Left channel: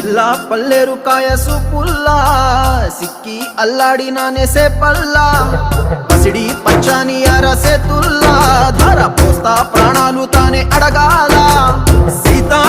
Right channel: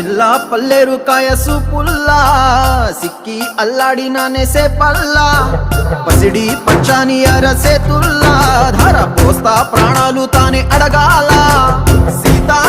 పిల్ల పల్లెరు కాయ సూపుల్లా సిక్కి అల్లాడినానే సే పల్లా పసిడి పచ్చాని అరసే తుల్లా ధర పోస్తా ప్రాణాలు తానే అడగాల సీతా